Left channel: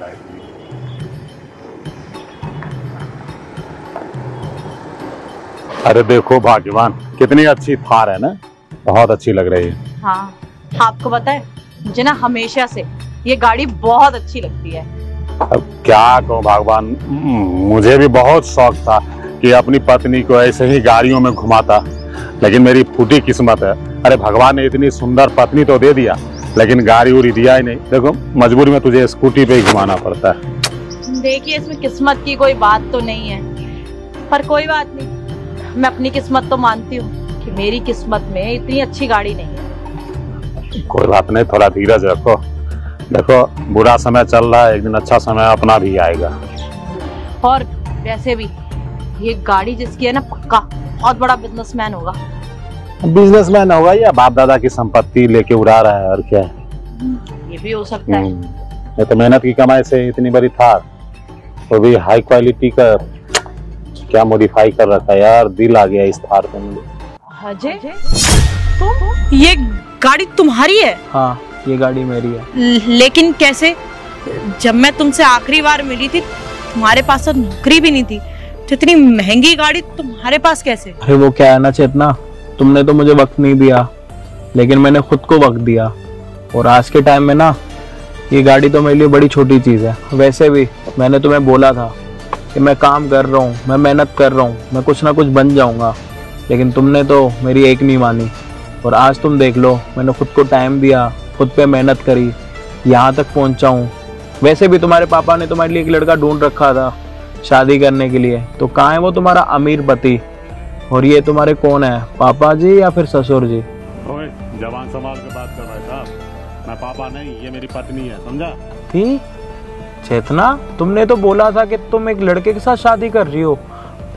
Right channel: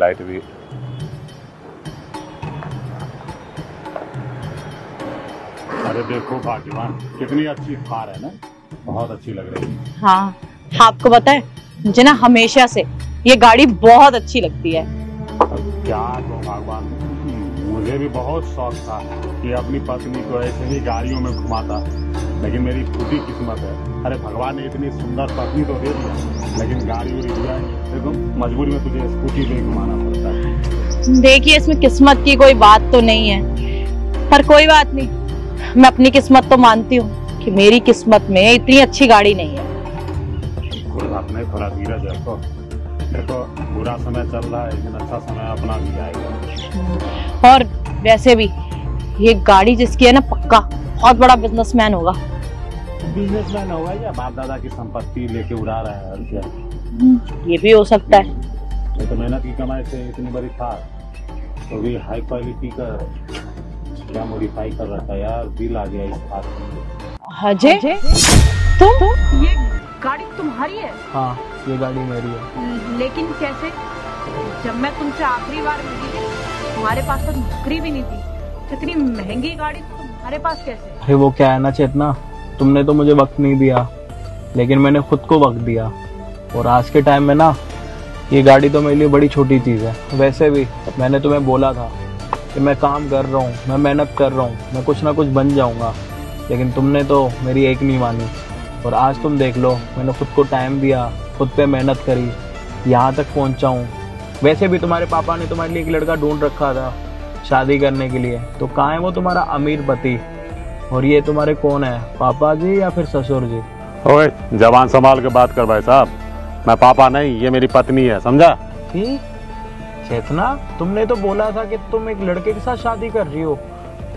Light भी। अरे देखो भाग्यवान, कितनी अच्छी थार है ना, बहुत अच्छी लग रही है। हाँ, आपको पता है मुझे ना हमेशा से ये गाड़ी बहुत अच्छी लगती है। अब क्या कहूँ भगवान, मुझे भी बहुत शौक था कि अपनी पत्नी को ऐसे ही गाड़ियों में घुमाता, लेकिन मेरी फूटी किस्मत है। अरे भगवान ने इतनी सुंदर पत्नी तो दे दिया, लेकिन गाड़ी उड़ी दिया ही नहीं। देखो मजबूरी में तुझे स्कूटी पे ही घुमाना पड़ता है। देखिए इसमें किस्मत की कोई बात तो नहीं है, पर कोई बात नहीं, मैं अपनी किस्मत तो मानती हूँ कि मेरी किस्मत में इतनी अच्छी गाड़ी नहीं है। कोई बात नहीं, थोड़ा धीरज रखो। देखो बुरा समय चल रहा है, एक दिन अच्छा समय अपना भी आएगा। और वैसे भी ये गाड़ी जिसकी है ना, पक्का बहुत बड़ा बिजनेसमैन होगा। बिजनेसमैन होगा या बाप दादा की संपत्ति लेके उड़ा रहा है, और क्या। ये भी हो सकता है। ये तो मेहनत की कमाई से इतनी बड़ी थार, तो भी हाई क्वालिटी का क्या मॉडिफाई कर रखा है यार, दिल आ गया इस थार को। अजय, तुम ये गाड़ी तुम्हारी है? हाँ, ये गाड़ी मेरी है। लेकिन कैसे? जब मैं तुमसे आखिरी बार मिली थी तुम्हारे पास तो नौकरी भी नहीं थी, तो इतनी महंगी गाड़ी तुम्हारे पास कैसे? अरे वो क्या है ना चेतना, तुमने तो मुझे वक्त नहीं दिया, लेकिन मैंने खुद को वक्त दिया। और आज के टाइम में ना ये गाड़ी तो मेरे लिए बड़ी छोटी चीज़ है। वैसे भी मैंने तुम्हें बोला था कि मैं काम कर रहा हूँ, मैं मेहनत कर रहा हूँ, मैं कुछ ना कुछ बन जाऊँगा, लेकिन तुमने तो मेरी एक नहीं मानी। और आज तुम देख लो, मैंने खुद को टाइम दिया, खुद पे मेहनत करी, यहाँ तक पहुँचा हूँ। वैसे भी तुम्हारे पापा ने तुम्हारे लिए एक लड़का ढूंढ रखा था शादी करने के लिए, तो कहाँ है वो तुम्हारा अमीर पति? और ये तुम्हारे कौन है, पापा जी या फिर ससुर जी? ओए जवान संभाल के बात कर भाई साहब, मैं पापा नहीं, ये मेरी पत्नी है, समझा? चेतना, तुमने तो बोला था कि तुम एक लड़के के साथ शादी कर रही हो।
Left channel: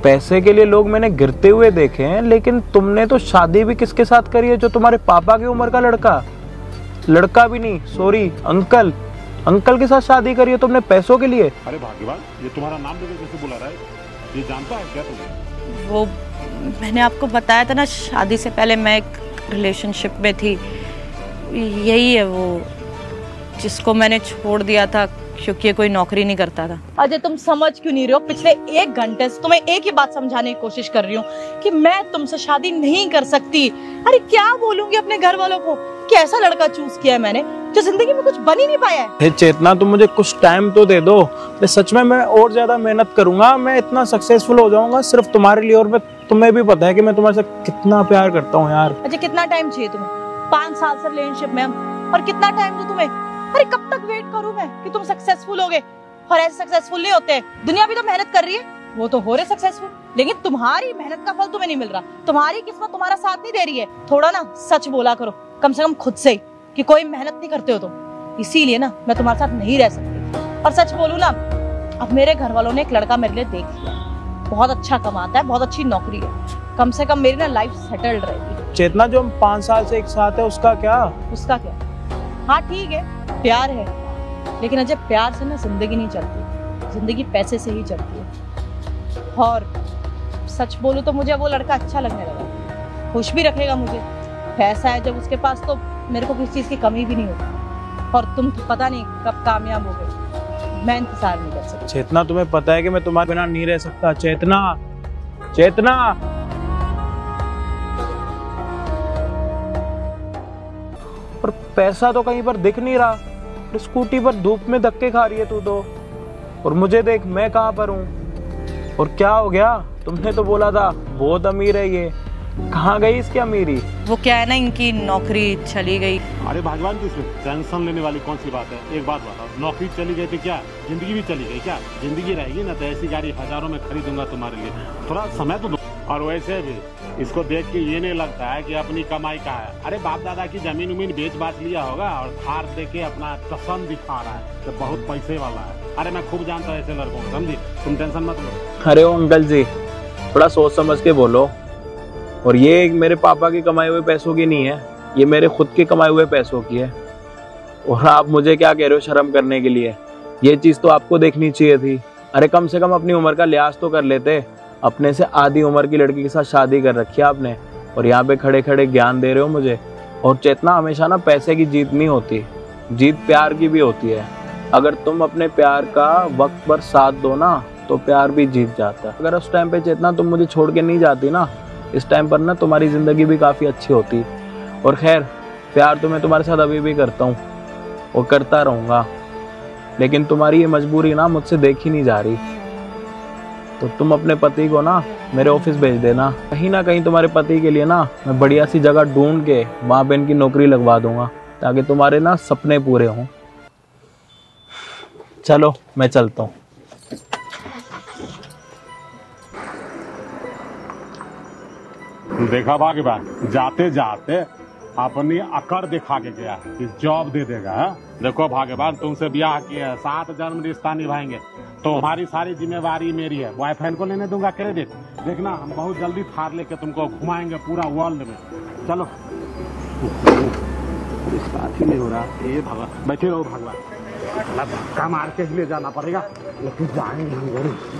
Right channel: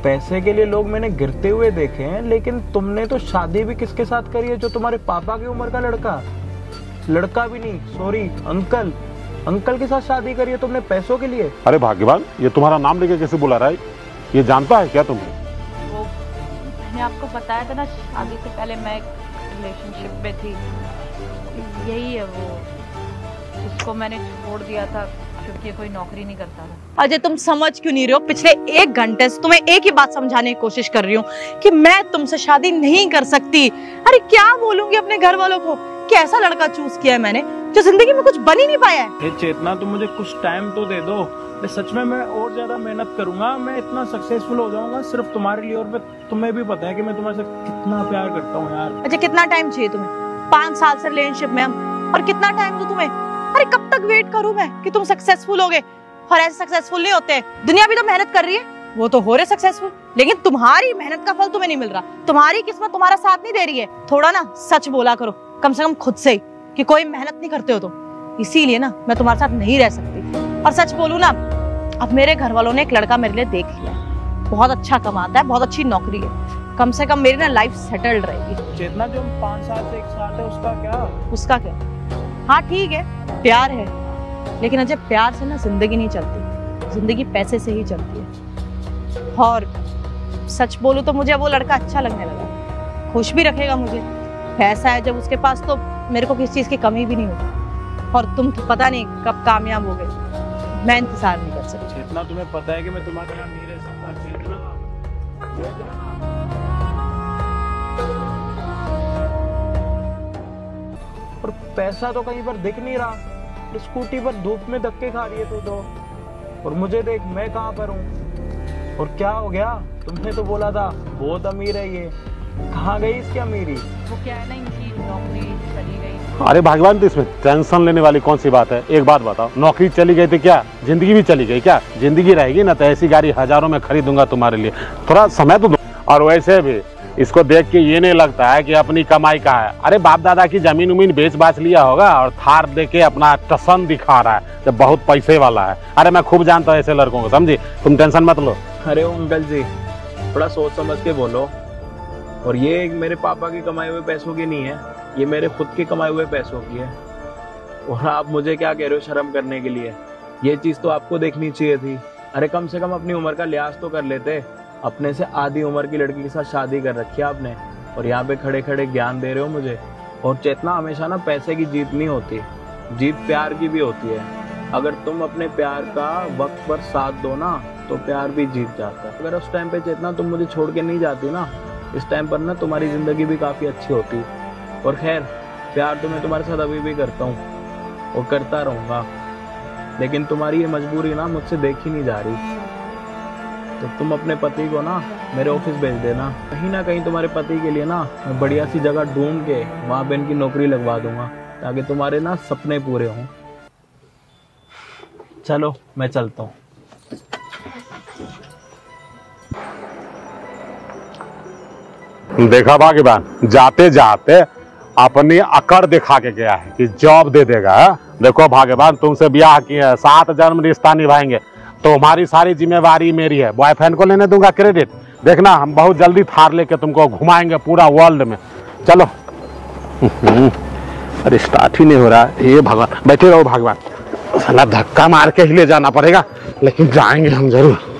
पैसे के लिए लोग मैंने गिरते हुए देखे हैं, लेकिन तुमने तो शादी भी किसके साथ करी है? जो तुम्हारे पापा की उम्र का लड़का भी नहीं, सॉरी अंकल के साथ शादी करी है तुमने पैसों के लिए। अरे भाग्यवान, ये तुम्हारा नाम लेके कैसे बुला रहा है? ये जानता है क्या तुम्हें? वो मैंने आपको बताया था ना, शादी से पहले मैं एक रिलेशनशिप में थी। यही है वो जिसको मैंने छोड़ दिया था क्योंकि ये कोई नौकरी नहीं करता था। अजय तुम समझ क्यों नहीं रहे हो? पिछले 1 घंटे से तुम्हें एक ही बात समझाने की कोशिश कर रही हूँ कि मैं तुमसे शादी नहीं कर सकती। अरे क्या बोलूंगी अपने घर वालों को कि ऐसा लड़का चूज किया है मैंने जो जिंदगी में कुछ बन ही नहीं पाया है। हे चेतना, तुम मुझे कुछ टाइम तो दे दो। मैं सच में और ज्यादा मेहनत करूंगा, मैं इतना सक्सेसफुल हो जाऊंगा सिर्फ तुम्हारे लिए। और तुम्हें भी पता है कि मैं तुम्हारे से कितना प्यार करता हूँ यार। अजय कितना टाइम चाहिए तुम्हें? 5 साल से रिलेशनशिप में हम, और कितना टाइम तो तुम्हें? अरे कब तक वेट करूं मैं कि तुम सक्सेसफुल होगे? और ऐसे सक्सेसफुल नहीं होते हैं। दुनिया भी तो मेहनत कर रही है, वो तो हो रहे सक्सेसफुल, लेकिन तुम्हारी मेहनत का फल तुम्हें नहीं मिल रहा। तुम्हारी किस्मत तुम्हारा साथ नहीं दे रही है। थोड़ा ना सच बोला करो, कम से कम खुद से, कि कोई मेहनत नहीं करते हो तुम, इसीलिए ना मैं तुम्हारे साथ नहीं रह सकती। और सच बोलूं ना, अब मेरे घर वालों ने एक लड़का मेरे लिए देख लिया, बहुत अच्छा कमाता है, बहुत अच्छी नौकरी है, कम से कम मेरी ना लाइफ सेटल्ड रहेगी। चेतना, जो हम 5 साल से एक साथ है, उसका क्या? हाँ ठीक है, प्यार है, लेकिन अजय प्यार से ना जिंदगी नहीं चलती, जिंदगी पैसे से ही चलती है। और सच बोलूं तो मुझे वो लड़का अच्छा लगने लगा, खुश भी रखेगा मुझे। पैसा है जब उसके पास तो मेरे को किसी चीज की कमी भी नहीं होगी। और तुम तो पता नहीं कब कामयाब हो गए, मैं इंतजार नहीं कर सकती। चेतना, तुम्हें पता है कि मैं तुम्हारे बिना नहीं रह सकता। चेतना, पर पैसा तो कहीं पर दिख नहीं रहा। स्कूटी पर धूप में धक्के खा रही है तू तो, और मुझे देख मैं कहाँ पर हूँ। और क्या हो गया? तुमने तो बोला था बहुत अमीर है ये, कहाँ गई इसकी अमीरी? वो क्या है ना, इनकी नौकरी चली गई। अरे भगवान, तो इसमें टेंशन लेने वाली कौन सी बात है? एक बात बताओ, नौकरी चली गई तो क्या जिंदगी भी चली गई? क्या जिंदगी रहेगी ना, तो ऐसी गाड़ी हजारों में खरीदूंगा तुम्हारे लिए, थोड़ा समय तो दो। और वैसे भी इसको देख के ये नहीं लगता है कि अपनी कमाई का है। अरे बाप दादा की जमीन उमीन बेच बाच लिया होगा, और थार दे के अपना टसन दिखा रहा है, जब बहुत पैसे वाला है। अरे मैं खूब जानता हूँ ऐसे लड़कों को, समझी? तुम टेंशन मत लो। अरे ओ अंकल जी, थोड़ा सोच समझ के बोलो। और ये मेरे पापा के कमाए हुए पैसों की नहीं है, ये मेरे खुद के कमाए हुए पैसों की है। और आप मुझे क्या कह रहे हो शर्म करने के लिए? ये चीज़ तो आपको देखनी चाहिए थी। अरे कम से कम अपनी उम्र का लिहाज तो कर लेते। अपने से आधी उम्र की लड़की के साथ शादी कर रखी है आपने, और यहाँ पे खड़े खड़े ज्ञान दे रहे हो मुझे। और चेतना, हमेशा ना पैसे की जीत नहीं होती, जीत प्यार की भी होती है। अगर तुम अपने प्यार का वक्त पर साथ दो ना तो प्यार भी जीत जाता है। अगर उस टाइम पे चेतना तुम मुझे छोड़ के नहीं जाती ना, इस टाइम पर ना तुम्हारी जिंदगी भी काफी अच्छी होती। और खैर, प्यार तो मैं तुम्हारे साथ अभी भी करता हूँ और करता रहूंगा, लेकिन तुम्हारी ये मजबूरी ना मुझसे देखी नहीं जा रही। तो तुम अपने पति को ना मेरे ऑफिस भेज देना। कहीं ना कहीं तुम्हारे पति के लिए ना मैं बढ़िया सी जगह ढूंढ के वहां पे इनकी नौकरी लगवा दूंगा, ताकि तुम्हारे ना सपने पूरे हों। चलो मैं चलता हूँ। देखा भाग्यवान, जाते जाते अपनी अकड़ दिखा के गया है कि जॉब दे देगा। है? देखो भाग्यवान, तुमसे ब्याह किया, 7 जन्म रिश्ता निभाएंगे, तुम्हारी सारी जिम्मेवारी मेरी है। बॉयफ्रेंड को लेने दूंगा क्रेडिट। देखना, हम बहुत जल्दी थार लेके तुमको घुमाएंगे पूरा वर्ल्ड में। चलो। अरे स्टार्ट ही नहीं हो रहा। ये भगवान, बैठे रहो भगवान, साला धक्का मार के ही ले जाना पड़ेगा, लेकिन जाएंगे हम जरूर।